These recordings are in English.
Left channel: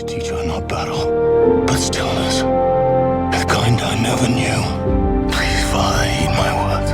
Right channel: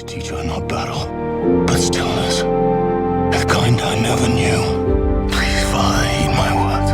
to teach her not battle, but stillness. The kind I never knew. Please, Father, heed my words.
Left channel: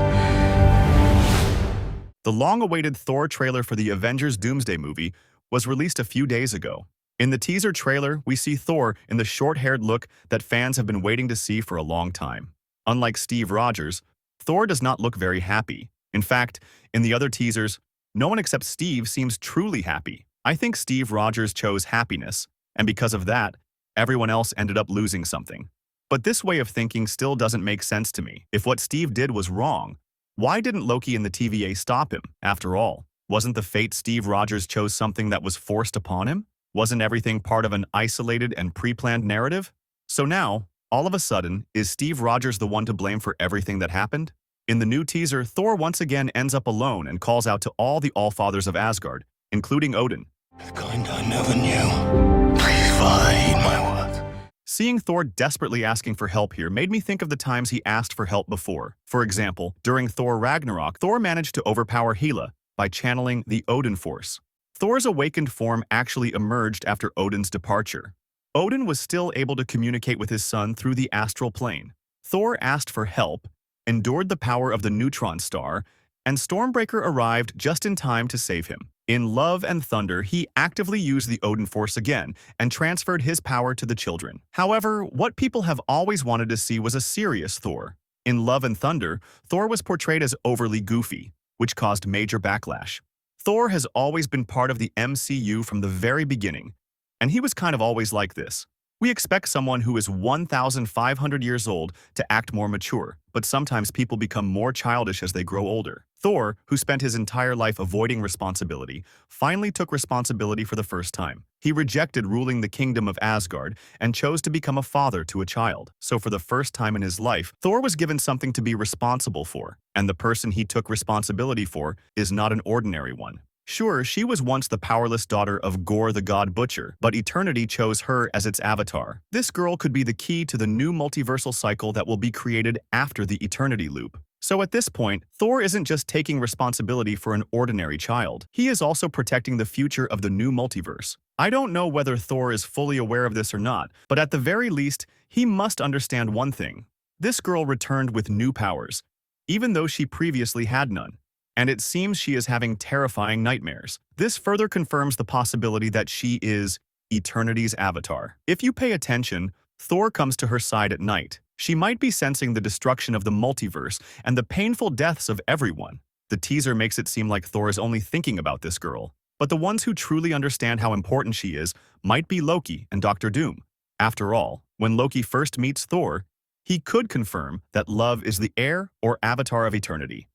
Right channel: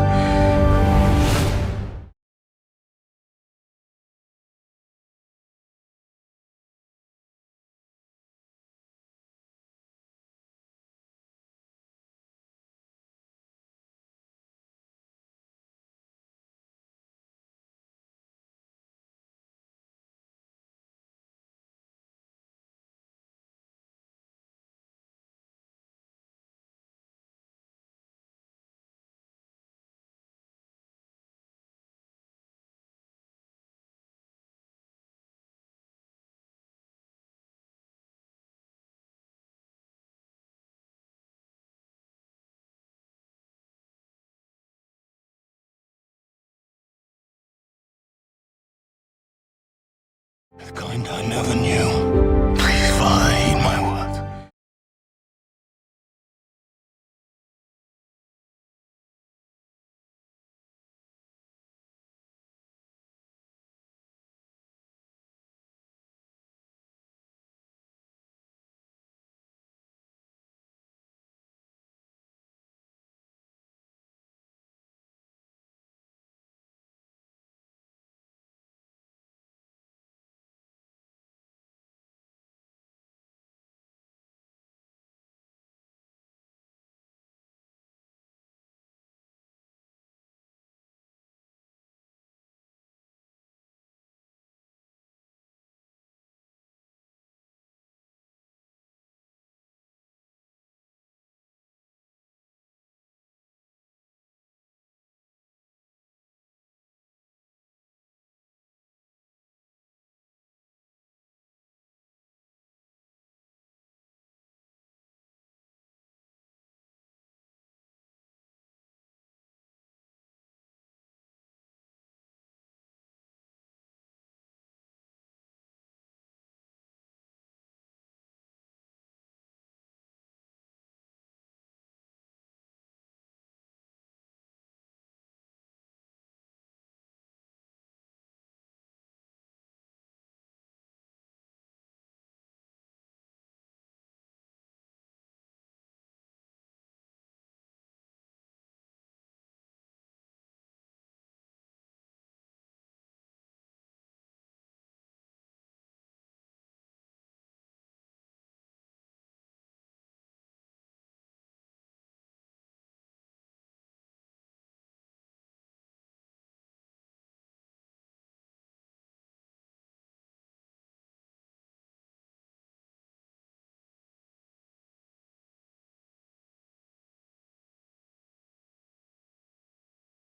The long-awaited Thor trailer for the Avengers Doomsday movie was released a few days ago. In the teaser trailer, we see Thor in the short-haired look that fans have been waiting to see for a long time. Unlike Steve Rogers, Thor does not look very happy. In fact, in the other teasers, no one except Steve seems truly happy. I think Steve Rogers chose happiness, and because of that, everyone else ended up losing something. But this way of thinking still doesn't make sense to me. If what Steve did was wrong, why didn't Loki and the TVA stop him? After all, wasn't the fate Steve Rogers chose something that was forced upon him? Wasn't everything part of an isolated and pre-planned narrative? So now, all of a sudden, is Steve Rogers the one to blame for everything that happened? In the new teaser, Thor once again ends up alone and calls out to all the Allfathers of Asgard, including Odin. The kind I never knew. Please, Father, heed my words. Seeing Thor desperately asking for help here made me think of the times he asked for help before. For example, during Thor Ragnarok, Thor managed to overpower Hela by channeling the Odin Force. Thor's awakened form actually emerged after Odin's departure. Odin was still able to communicate with his son through the astral plane. Thor asked for help, endured the power of the neutron star, and Stormbreaker arrived just in time to save him. In Love and Thunder, he actively used the Odin Force again and transferred his power to the children. However, what people have always wanted to see was a serious Thor. In Love and Thunder, Thor was portrayed as overly goofy, which caused major backlash. Thor has always been part of the MCU from the very beginning, and he was kind of always like this. We expect someone who is 1,500 years old to act more mature, but sometimes people become more childish as they grow older. Thor, who spent his entire life avoiding responsibility, finally took responsibility for the first time. He rejected ruling the kingdom of Asgard and chose to become a father to a child. So for the first time in his life, Thor was given something to be responsible for, and the person he took responsibility for is not an ordinary one. Sure, she was once the powerless daughter of Gore the God Butcher, but Eternity chose her as its avatar. This girl could be the key to the new multiversal cycle that will be created after the Eternity Loop. So at this point, Thor isn't just taking responsibility for an ordinary child. He is also protecting the future of the new multiverse. I don't know whether Thor is fully aware of this or not, but at the very least, he must understand one thing. This girl returned with new powers, even though she previously had none. And it seems she is having terrifying nightmares. This further confirms the possibility that she is Eternity's avatar. If you pay attention, Thor comes to her side at night. She might be sensing the destruction of the multiverse and the painful deaths of everyone. The teaser makes it seem like Thor is only thinking about this girl. But the ones who truly understand how important she is might be Loki and Doctor Doom. After all, when Loki first meets Thor, he could confirm that love is the heir or avatar of eternity.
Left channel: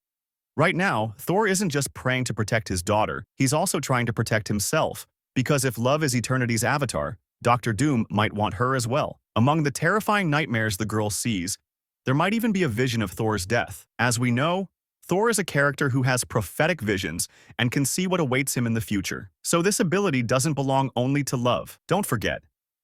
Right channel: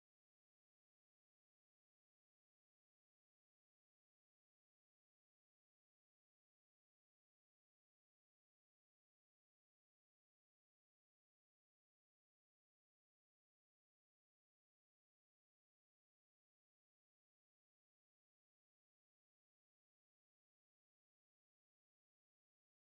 Right now, Thor isn't just praying to protect his daughter, he's also trying to protect himself, because if love is Eternity's avatar, Doctor Doom might want her as well. Among the terrifying nightmares the girl sees, there might even be a vision of Thor's death. As we know, Thor is a character who has prophetic visions and can see what awaits him in the future. So this ability doesn't belong only to love. Don't forget,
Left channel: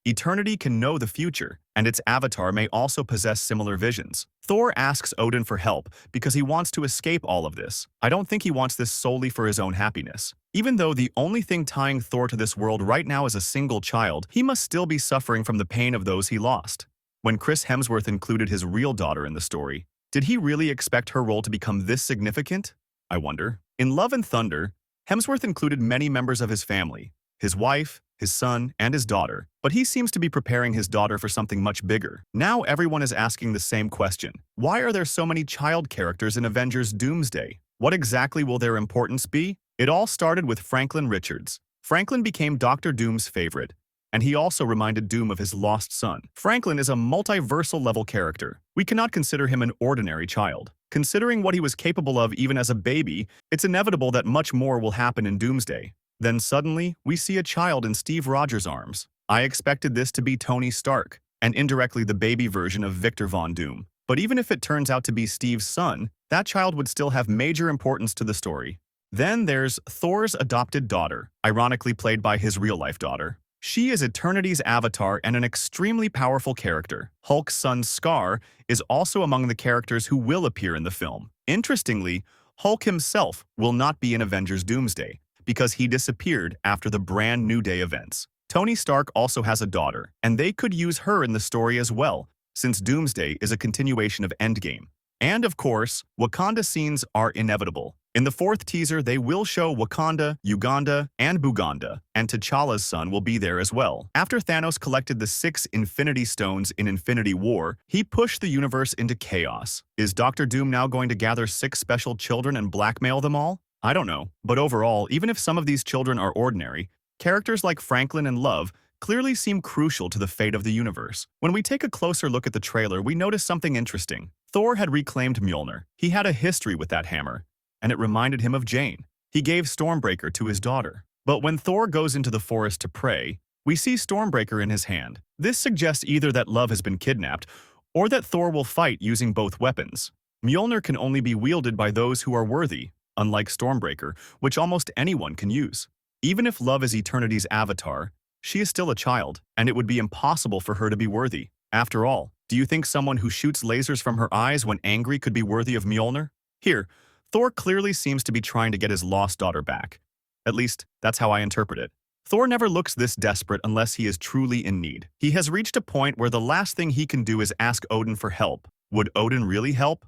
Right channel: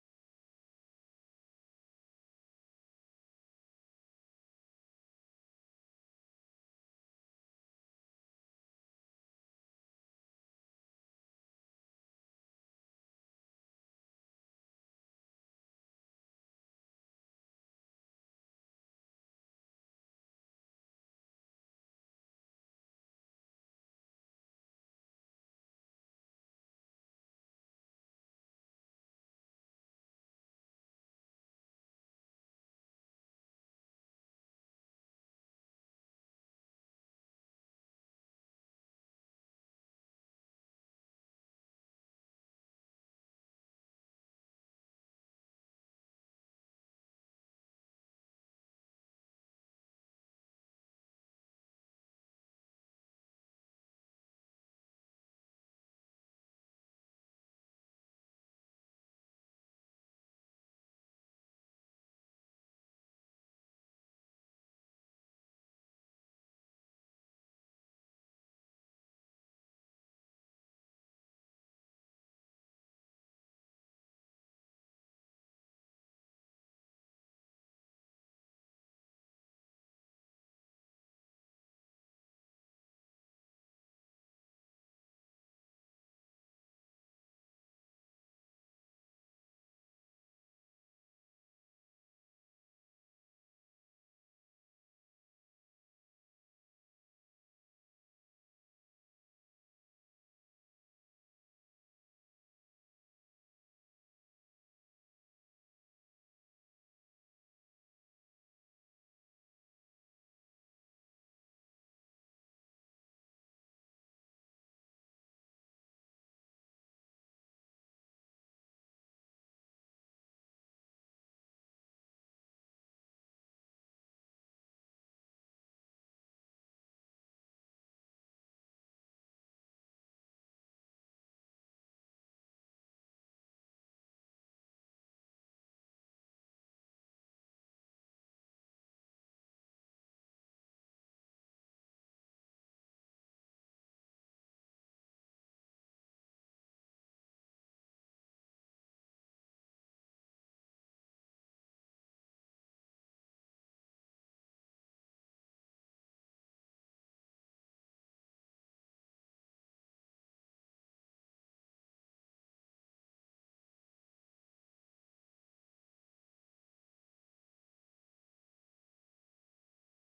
Eternity can know the future, and its avatar may also possess similar visions. Thor asks Odin for help because he wants to escape all of this. I don't think he wants this solely for his own happiness. Even though the only thing tying Thor to this world right now is a single child, he must still be suffering from the pain of those he lost. When Chris Hemsworth included his real daughter in the story, did he really expect her role to become this significant? I wonder. In Love and Thunder, Hemsworth included many members of his family, his wife, his son, and his daughter, but he seems to be preparing his daughter for something much bigger. Now everyone is asking the same question. Why are there so many child characters in Avengers Doomsday? What exactly will their importance be? It all started with Franklin Richards. Franklin became Doctor Doom's favorite, and he also reminded Doom of his lost son. Franklin is a multiversal-level character. We cannot consider him an ordinary child. Considering what he was capable of even as a baby, it's inevitable that much more will happen in Doomsday. Then suddenly, we see a child in Steve Rogers' arms. I expected this to be Tony Stark, and indirectly the baby version of Victor Von Doom. But even if it turns out to be Steve's son, that child would still have major importance to the story. Then there's Thor's adopted daughter, ironically played by his real-life daughter. She is Eternity's avatar and an extremely powerful character. Hulk's son Scar is also among the characters who will appear in the film. Interestingly, Hulk himself will not be in Avengers Doomsday, because he disappeared after the Brand New Day events. Tony Stark also has a daughter, and they could use her in the story as well, since Doomsday is a continuation of Endgame. And of course, Wakanda scenes are inevitable. In the fourth teaser, they will show Wakanda, Uganda, and Buganda, and T'Challa's son will be there as well. After Thanos collected the 6 Infinity Stones in Infinity War, he pushed the universe into chaos. Is Doctor Doom now going to gather 6 special children and blackmail them all? I don't know, but overall, even if some of these children are ordinary, characters like Franklin and Love clearly seem crucial to the fate of the universe. When we take a closer look at the trailer, we notice something interesting. Thor had reclaimed Mjolnir. He had a history with that hammer, and it reminded him of Jane. He gave Stormbreaker to his daughter. But when Thor goes into the forest to pray, we see Stormbreaker in his hand. This suggests either that Love has been kidnapped, or that Thor will fight using both weapons. Mjolnir can only be wielded by those who are worthy, unlike Stormbreaker, which almost anyone can use. Even if Love is Eternity's avatar, she is still a child, and it would be impossible for her to be worthy. After all, do you think someone who shoots lasers from her eyes when angry could be worthy of Mjolnir? Here, Thor clearly seems to be trying to get his lost daughter back. At least, that's how I interpret it. Thor never looks this desperate unless he is truly in need. He has reached a point where the last thing he can do is ask Odin for help. Would Odin really help?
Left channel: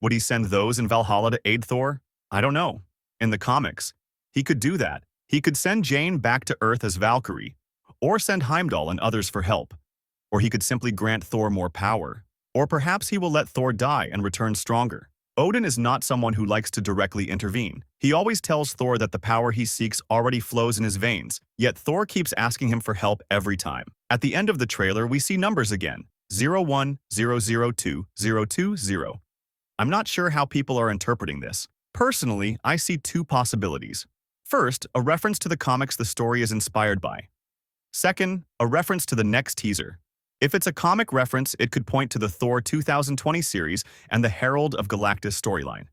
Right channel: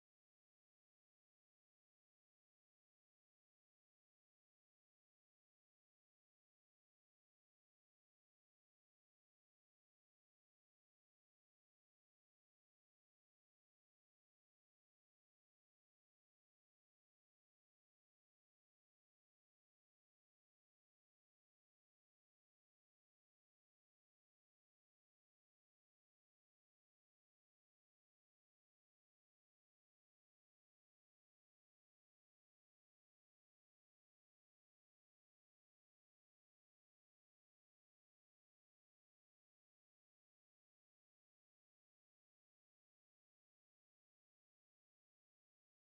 Would he send those in Valhalla to aid Thor? I don't know. In the comics, he could do that. He could send Jane back to Earth as Valkyrie, or send Heimdall and others for help. Or he could simply grant Thor more power. Or perhaps he will let Thor die and return stronger. Odin is not someone who likes to directly intervene. He always tells Thor that the power he seeks already flows in his veins, yet Thor keeps asking him for help every time. At the end of the trailer, we see numbers again, 01, 002, 020. I'm not sure how people are interpreting this. Personally, I see 2 possibilities. First, a reference to the comics the story is inspired by. Second, a reference to the next teaser. If it's a comic reference, it could point to the Thor 2020 series and the Herald of Galactus storyline.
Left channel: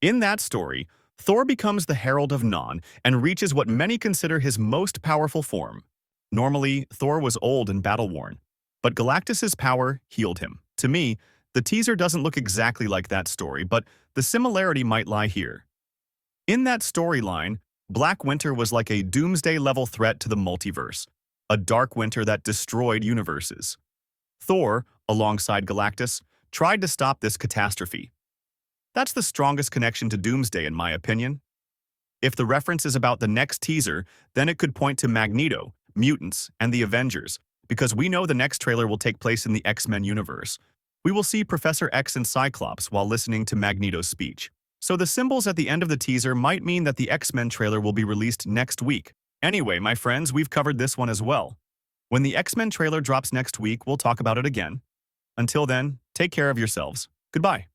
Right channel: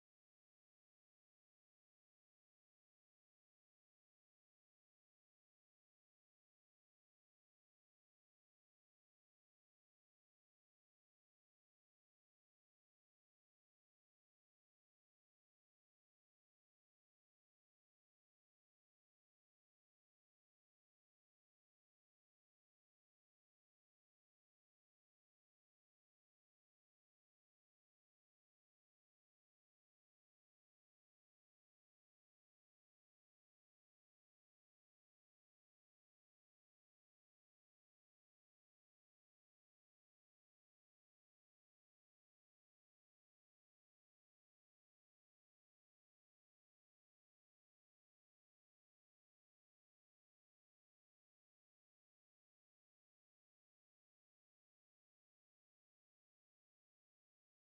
In that story, Thor becomes the Herald of Non and reaches what many consider his most powerful form. Normally, Thor was old and battle-worn, but Galactus's power healed him. To me, the teaser doesn't look exactly like that story, but the similarity might lie here. In that storyline, Black Winter was like a doomsday-level threat to the multiverse, a dark winter that destroyed universes. Thor, alongside Galactus, tried to stop this catastrophe. That's the strongest connection to Doomsday in my opinion. If the reference is about the next teaser, then it could point to Magneto, mutants, and the Avengers, because we know the next trailer will take place in the X-Men universe. We will see Professor X and Cyclops while listening to Magneto's speech. So the symbols at the end of the teaser might mean that the X-Men trailer will be released next week. Anyway, my friends, we've covered this one as well. When the X-Men trailer drops next week, we'll talk about it again. Until then, take care of yourselves. Goodbye.